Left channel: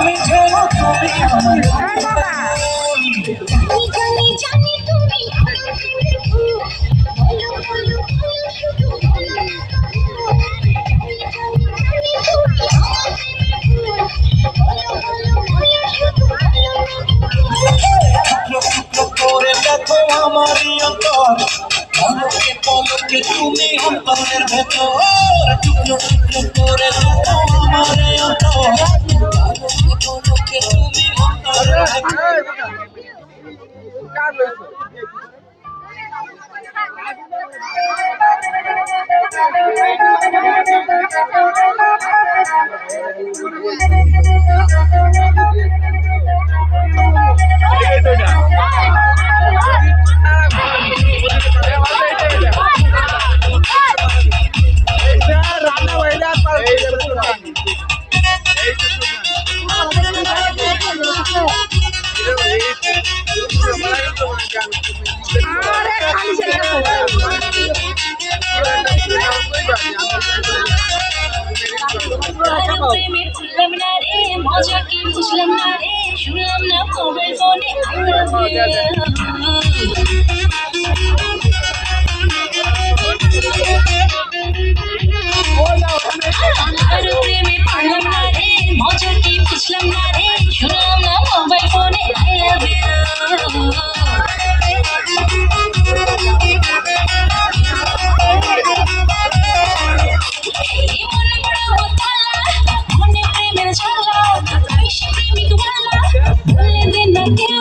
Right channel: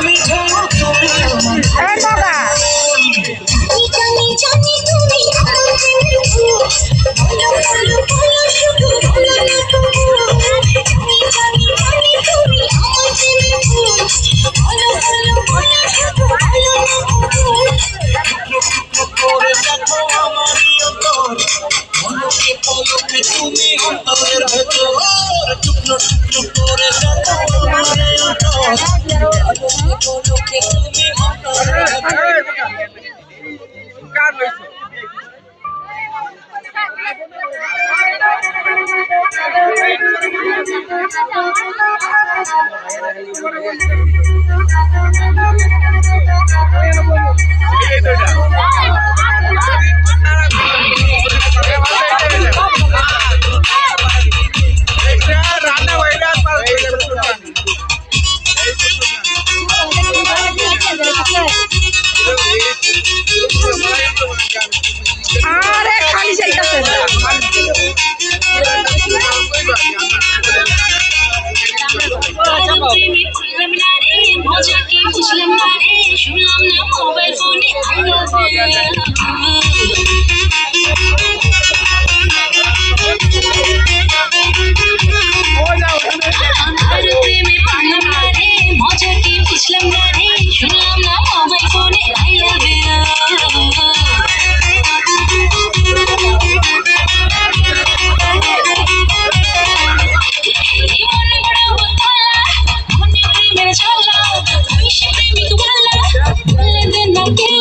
আমি জানো তুমি আমার জানি জানি তুমি আমার প্রেমের ভূত বলো বলো বলো শুধু বলো না তবু জানি জানি জানি তুমি আমার প্রেমের ভূত বলো বলো বলো শুধু বলো না তবু করে দেখো আমারই অন্তর পলকে পলকে তুমি অন্তরের ভেতর টুকরো টুকরো করে দেখো আমারই অন্তর পলকে তুমি অন্তরের ভেতর আরে খালি যাইতাছে প্রেমে খুললাম না রে মজা কি বুঝলাম না রে শুনলাম না মোবাইল ফোনে আই লাভ প্রেমে পারলাম না রে মজা কি বুঝলাম না রে শুনলাম না মোবাইল ফোনে আই লাভ মনে প্রেমের জ্বালা তুই সে প্রেমিক বলা বলে দে না কেন